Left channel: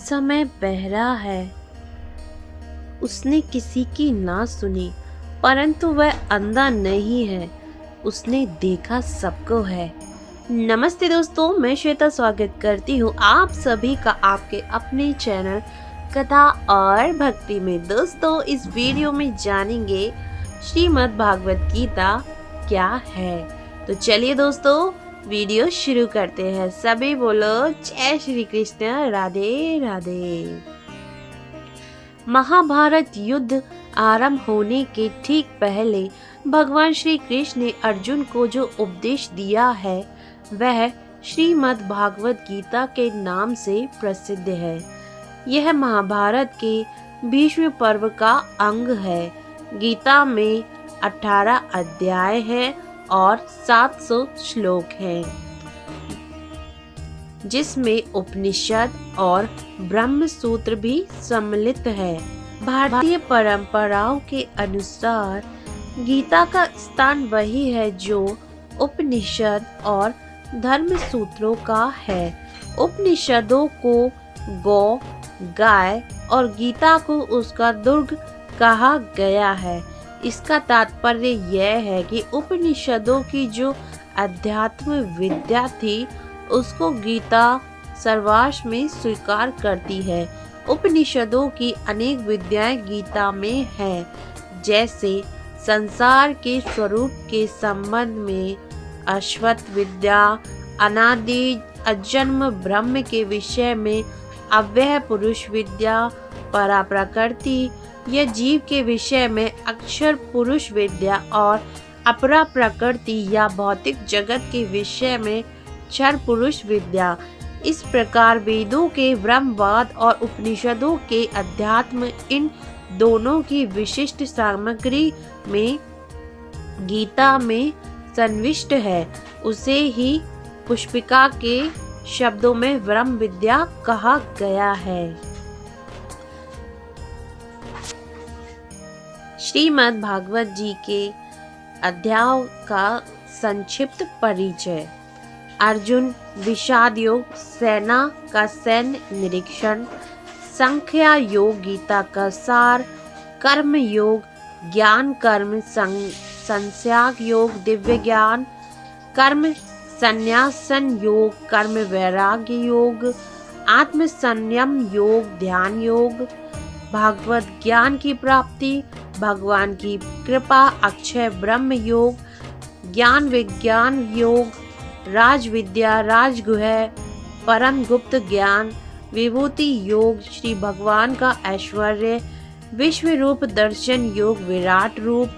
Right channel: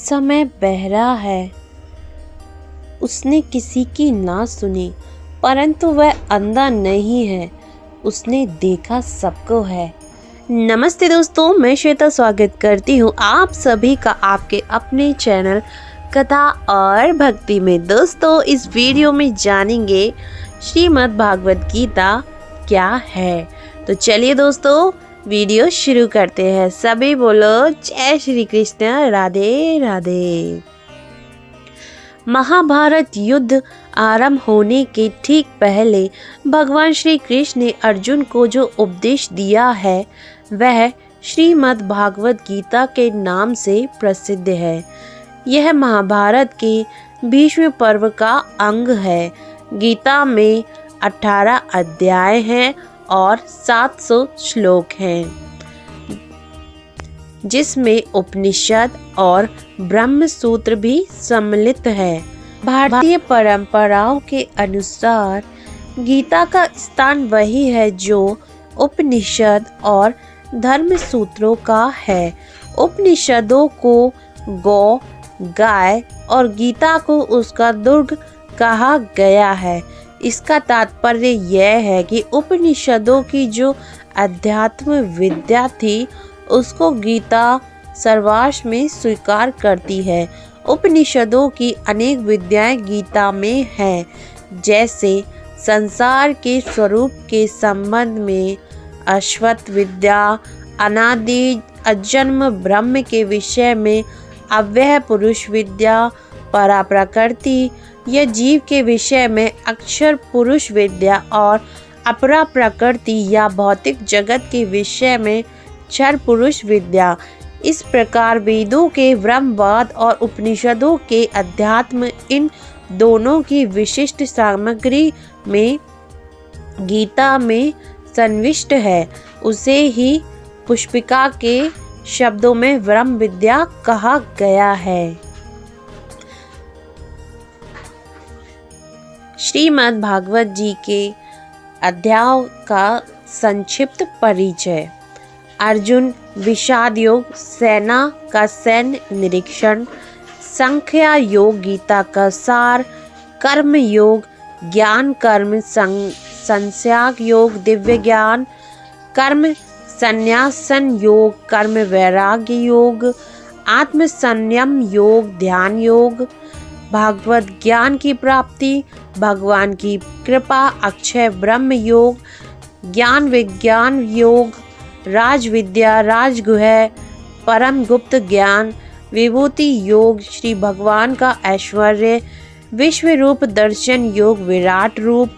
समय बहरा है, उसने किसी की ना सुनी, परंतु वह अंधा नहीं है, उसने देखा सबको है। नमस्ते दोस्तों, मैं श्वेता स्वागत करती हूँ आप सभी का आपके अपने चैनल कथा और भक्ति में। दोस्तों, इस वीडियो में जानेंगे श्रीमद् भागवत गीता क्या है। तो चलिए दोस्तों, वीडियो शुरू करते हैं। सभी बोलो जय श्री कृष्ण, राधे राधे। महाभारत युद्ध आरंभ होने के ठीक पहले भगवान श्री कृष्ण ने अर्जुन को जो उपदेश दिया है वह श्रीमद् भागवत गीता के नाम से प्रसिद्ध है। यह महाभारत के भीष्म पर्व का अंग है। गीता में 18 अध्याय हैं और 700 श्लोक हैं, जिसमें उपनिषद और ब्रह्म सूत्र भी सम्मिलित है। भारतीय परंपराओं के अनुसार गीता का स्थान वही है जो उपनिषद और धर्म सूत्रों का है। उपनिषदों को गौ, गाय और गीता को उसका दुर्ग कहा गया है। इसका तात्पर्य यह है कि उपनिषदों की जो अध्यात्म विद्या थी उसको गीता सर्वाश्व में स्वीकार करती है। उपनिषदों की अनेक विद्याएं गीता में हैं, जैसे संसार के स्वरूप के संबंध में अश्वत्थ विद्या, अनादि अजन्म ब्रह्म के विषय में अव्यय पुरुष विद्या, पराप्रकृति या जीव के विषय में अक्षर पुरुष विद्या और अपरा प्रकृति या भौतिक जगत के विषय में क्षर पुरुष विद्या। इस प्रकार वेदों के ब्रह्मवाद और उपनिषदों के अध्यात्म, इन दोनों की विशिष्ट सामग्री में गीता में संविष्ट है। उसे ही पुष्पिका के शब्दों में ब्रह्म विद्या कहा गया है। श्रीमद् भागवत जी के अध्यायों का संक्षिप्त परिचय। अर्जुन विषाद योग, सेना का सैन्य निरीक्षण, संख्या योग, गीता का सार, कर्म योग, ज्ञान कर्म संस्याग योग, दिव्य ज्ञान, कर्म संन्यासन योग, कर्म वैराग्य योग, आत्म संयम योग, ध्यान योग, भागवत ज्ञान की प्राप्ति, भगवान की कृपा, अक्षय ब्रह्म योग, ज्ञान विज्ञान योग, राज विद्या, राजगुह, परम गुप्त ज्ञान, विभूति योग, श्री भगवान का ऐश्वर्य, विश्व रूप दर्शन योग, विराट रूप,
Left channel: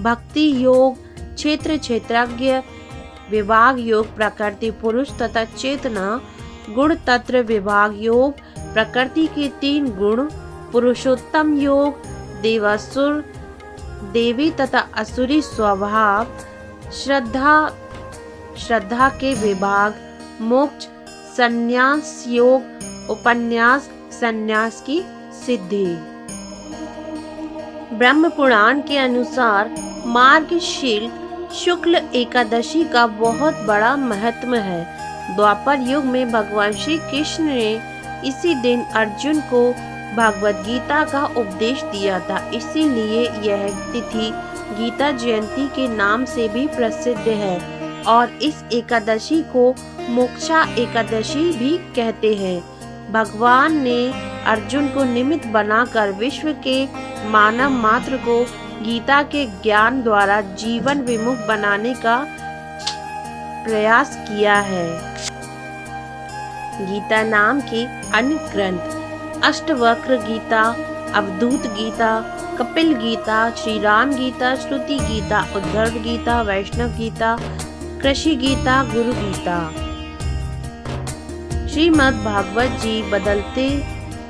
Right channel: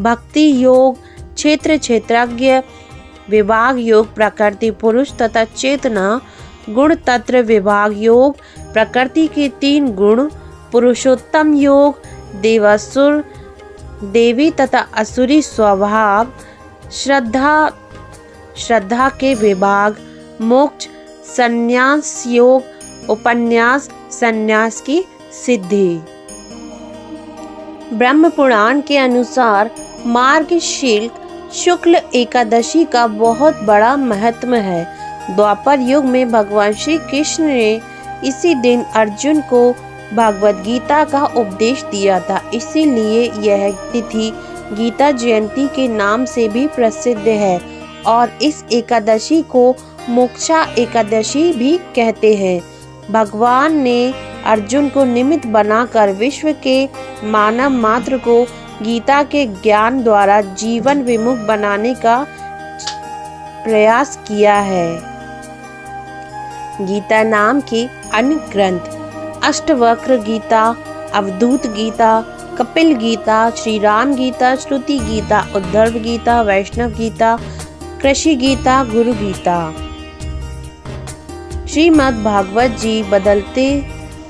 भक्ति योग, क्षेत्र क्षेत्रज्ञ विभाग योग, प्रकृति पुरुष तथा चेतना गुण तत्व विभाग योग, प्रकृति के 3 गुण, पुरुषोत्तम योग, देवासुर देवी तथा असुरी स्वभाव, श्रद्धा के विभाग, मोक्ष संन्यास योग, उपन्यास संन्यास की सिद्धि। ब्रह्म पुराण के अनुसार मार्गशीर्ष शुक्ल एकादशी का बहुत बड़ा महत्व है। द्वापर युग में भगवान श्री कृष्ण ने इसी दिन अर्जुन को भागवत गीता का उपदेश दिया था। इसीलिए यह तिथि गीता जयंती के नाम से भी प्रसिद्ध है और इस एकादशी को मोक्षा एकादशी भी कहते हैं। भगवान ने अर्जुन को निमित्त बनाकर विश्व के मानव मात्र को गीता के ज्ञान द्वारा जीवन विमुख बनाने का प्रयास किया है। गीता नाम के अन्य ग्रंथ अष्टवक्र गीता, अवधूत गीता, कपिल गीता, श्री राम गीता, श्रुति गीता, उद्धव गीता, वैष्णव गीता, कृषि गीता, गुरु गीता। श्रीमद् भागवत जी बदलते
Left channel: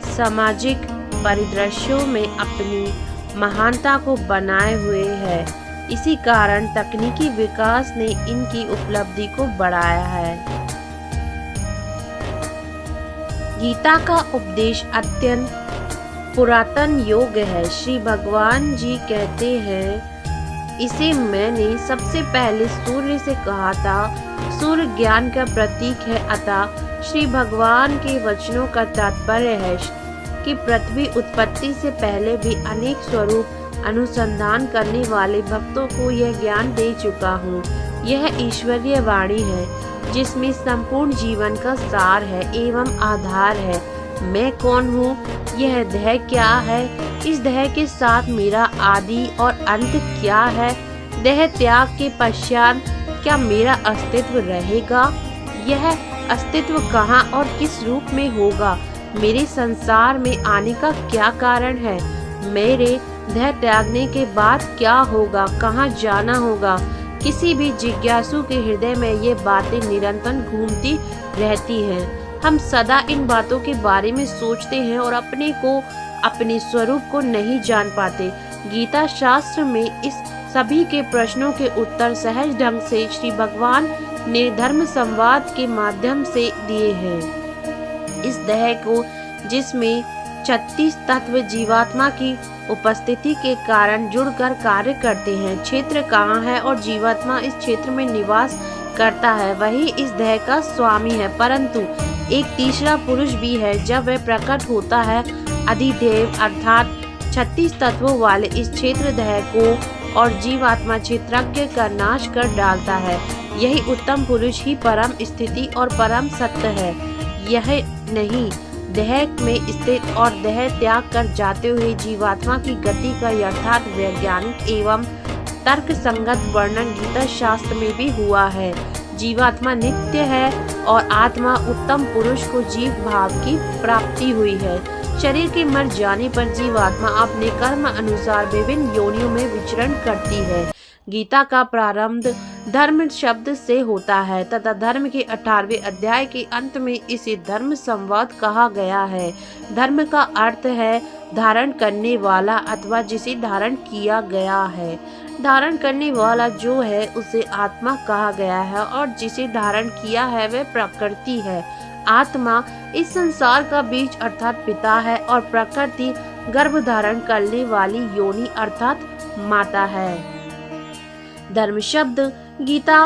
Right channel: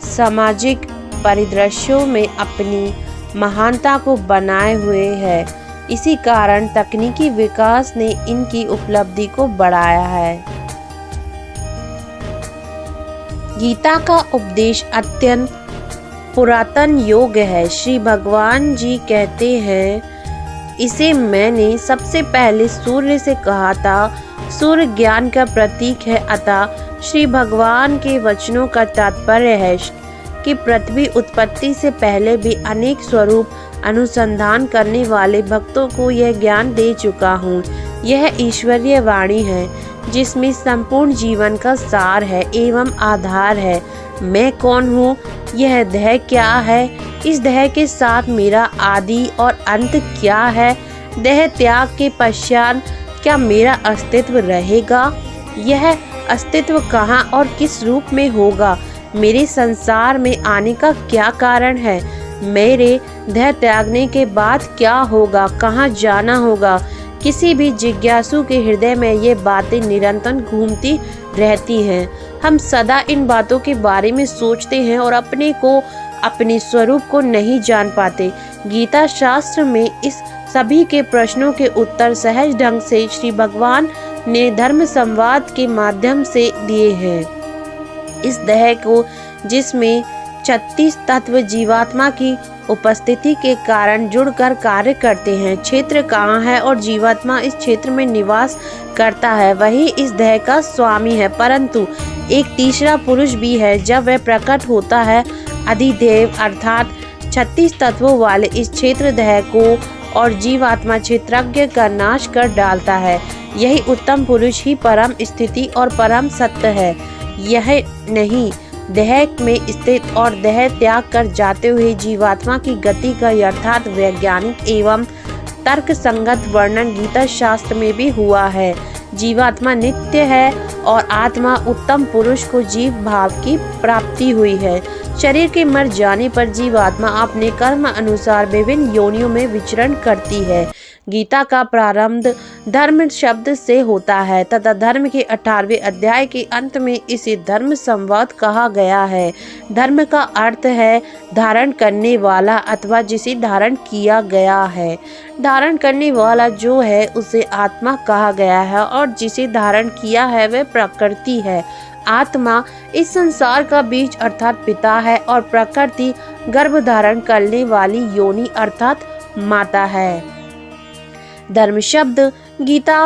सामाजिक परिदृश्यों में अपनी महानता को बनाए हुए है। इसी कारण तकनीकी विकास ने इनकी उपलब्धि को बढ़ाया है। गीता का उपदेश अत्यंत पुरातन योग है। श्री भगवान जी कहते हैं, इसे मैंने सबसे पहले सूर्य से कहा था। सूर्य ज्ञान का प्रतीक है, अतः श्री भगवान के वचनों का तात्पर्य है कि पृथ्वी उत्पत्ति से पहले भी अनेक स्वरूप अनुसंधान करने वाले भक्तों को यह ज्ञान दे चुका हूँ। यह ईश्वरीय वाणी है जिसमें संपूर्ण जीवन का सार है एवं आधार है। मैं कौन हूँ, यह देह क्या है, इस देह के साथ मेरा आदि और अंत क्या है, देह त्याग के पश्चात क्या मेरा अस्तित्व रहेगा, यह अस्तित्व कहाँ और किस रूप में होगा, मेरे संसार में आने का क्या कारण है, मेरे देह त्यागने के बाद क्या होगा, कहाँ जाना होगा। किसी भी जिज्ञासु के हृदय में ये बातें निरंतर घूमती रहती हैं। हम सदा इन बातों के बारे में सोचते हैं और अपने स्वरूप को नहीं जान पाते। गीता शास्त्र में इस सभी के प्रश्नों के उत्तर सहज ढंग से श्री भगवान ने धर्म संवाद के माध्यम से दिए हैं। इस देह को जिसमें 36 तत्व जीवात्मा की उपस्थिति के कारण जुड़कर कार्य करते हैं। क्षेत्र कहाँ है और जीवात्मा इस क्षेत्र में निवास करता है, वही इस देह का स्वामी है। परंतु एक तीसरा पुरुष भी है। जब वह प्रकट होता है, अधिदेव अर्थात 36 तत्वों वाले इस क्षेत्र देह को और जीवात्मा क्षेत्रज्ञ का नाश कर डालता है। यही उत्तम पुरुष ही परम स्थिति और परम सत्य है। यह नहीं देह में स्थित और देह त्याग कर जाते हुए जीवात्मा की गति का यथार्थ वैज्ञानिक एवं तर्क संगत वर्णन गीता शास्त्र में भी हुआ है। जीवात्मा नित्य है और आत्मा उत्तम पुरुष को जीव भाव की प्राप्ति हुई है। शरीर के मर जाने पर जीवात्मा अपने कर्म अनुसार विभिन्न योनियों में विचरण करती है। गीता का प्रारंभ धर्म शब्द से होता है तथा धर्म के 18वें अध्याय के अंत में इसे धर्म संवाद कहा गया है। धर्म का अर्थ है धारण करने वाला अथवा जिसे धारण किया गया है। धारण करने वाला जो है उसे आत्मा कहा गया है और जिसे धारण किया है वह प्रकृति है। आत्मा इस संसार का बीज अर्थात पिता है और प्रकृति गर्भ धारण करने वाली योनि अर्थात माता है। धर्म शब्द गीता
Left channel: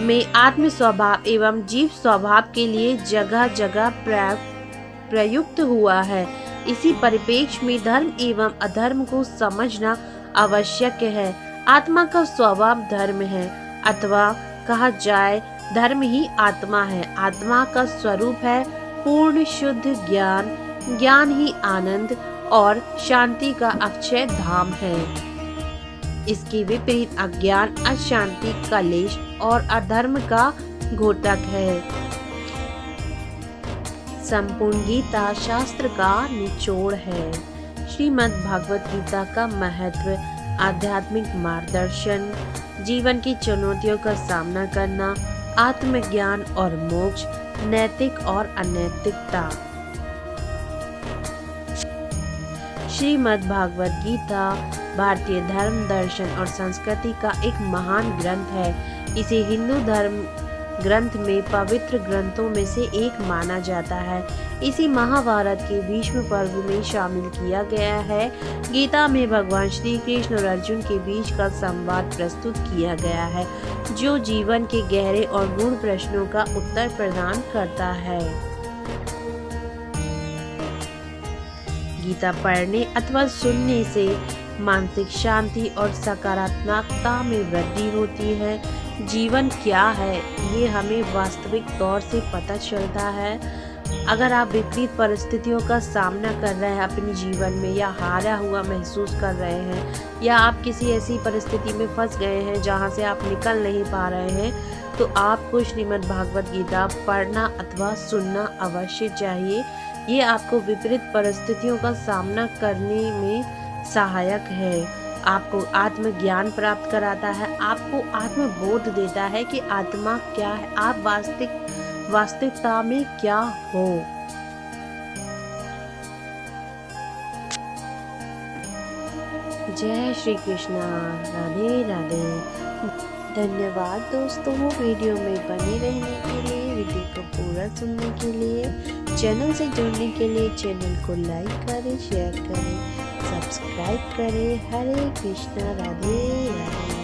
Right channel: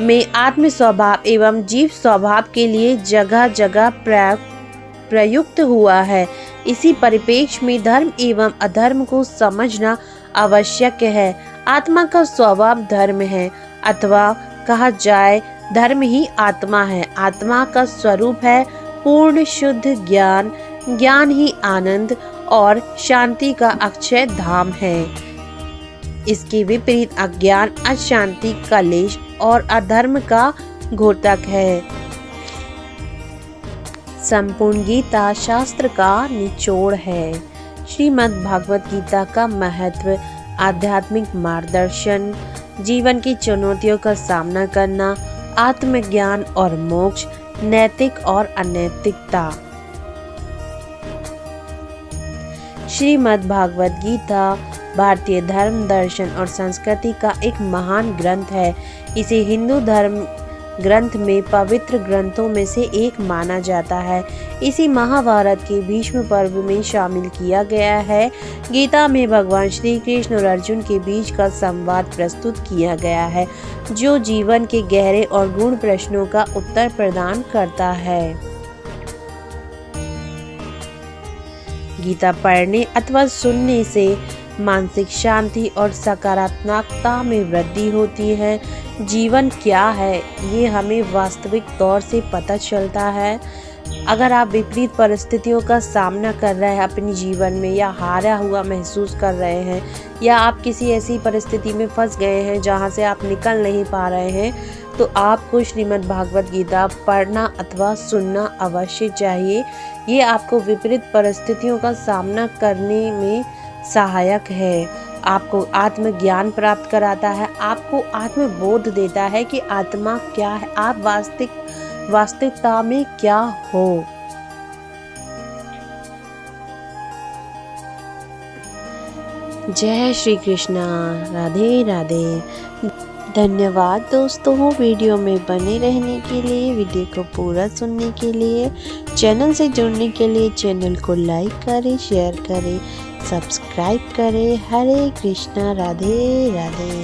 में आत्म स्वभाव एवं जीव स्वभाव के लिए जगह जगह प्रयुक्त हुआ है। इसी परिप्रेक्ष्य में धर्म एवं अधर्म को समझना आवश्यक है। आत्मा का स्वभाव धर्म है अथवा कहा जाए धर्म ही आत्मा है। आत्मा का स्वरूप है पूर्ण शुद्ध ज्ञान। ज्ञान ही आनंद और शांति का अक्षय धाम है। इसके विपरीत अज्ञान अशांति कलेश और अधर्म का घोतक है। संपूर्ण गीता शास्त्र का निचोड़ है। श्रीमद् भागवत गीता का महत्व आध्यात्मिक मार्गदर्शन, जीवन की चुनौतियों का सामना करना, आत्मज्ञान और मोक्ष, नैतिक और अनैतिकता। श्रीमद् भागवत गीता भारतीय धर्म दर्शन और संस्कृति का एक महान ग्रंथ है। इसे हिंदू धर्म ग्रंथ में पवित्र ग्रंथों में से एक माना जाता है। इसी महाभारत के भीष्म पर्व में शामिल किया गया है। गीता में भगवान श्री कृष्ण और अर्जुन के बीच का संवाद प्रस्तुत किया गया है जो जीवन के गहरे और गूढ़ प्रश्नों का उत्तर प्रदान करता है। गीता पढ़ने अथवा सुनने से मानसिक शांति और सकारात्मकता में वृद्धि होती है। जीवन क्या है ये हमें वास्तविक तौर से पता चलता है। अगर आप विपरीत परिस्थितियों का सामना कर रहे हैं अपने जीवन में या हारा हुआ महसूस कर रहे हैं या आप किसी ऐसी परिस्थिति में फंस गए हैं जहां से आप निकल नहीं पा रहे हैं तो आपको श्रीमद् भागवत गीता पढ़ना अथवा सुनना अवश्य चाहिए। ये आपको विपरीत परिस्थितियों का सामना करने में सहायक है। आपको आत्मज्ञान प्राप्त कराता है, आपको आत्मबोध देता है कि आत्मा क्या है, आप वास्तविकता में क्या हो। जय श्री कृष्णा। राधे राधे। धन्यवाद दोस्तों वीडियो में बने रहने के लिए, वीडियो को पूरा सुनने के लिए, चैनल से जुड़ने के लिए चैनल को लाइक करें, शेयर करें, सब्सक्राइब करें। हरे कृष्णा। राधे राधे।